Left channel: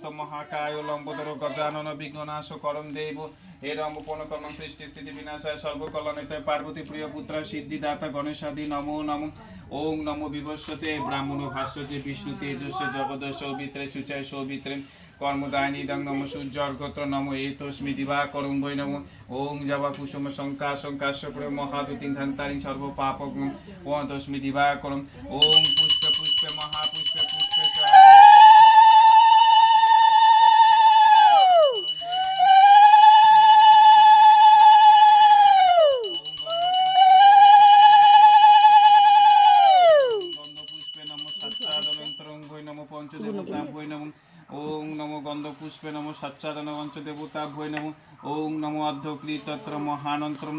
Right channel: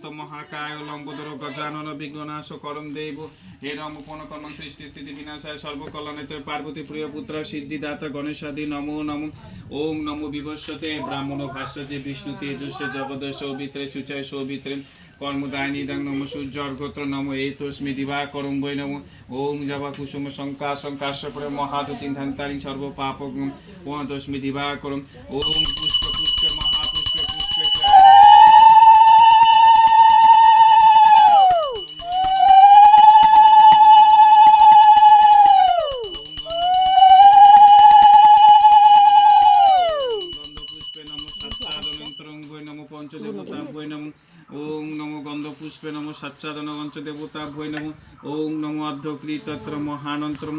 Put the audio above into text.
অনন্ত মহাকায় লম্বোদর গজানন বিঘ্ননাশ করম দেব হে রাম পণকর্ণ সৃষ্টি স্থিতি বিনাশায় সর্বকলনেতে পার্বতী প্রিয় পুত্র সিদ্ধিদাতা গণেশাদি নমো নমো ওং নমো বিভস্বতে ব্রাহ্মণ ভাষ্য যে বিষ্ণু তেজস্ব জগদ সৌবিত্রে সুচয় সৌবিত্রে কর্মদায়িনী ইদং নম সূর্যর্গোত্র নম এতস্মি দিবাকরং বৈ নম ওং জবা কুসুম শঙ্কা শঙ্কাশ্বর মহাদুতিন ধন্তারিং সর্ব পাপ তস্মি দিবাকরং ওং পুষ্প পুষ্প মহাপুষ্প পুষ্প ওং নমো গন্ধ পুষ্পে নমো সচ্চাদন পঞ্চদেবতা ভৈ নমো ওং নমো অর্ধক্রীতত্র মহানন্তরম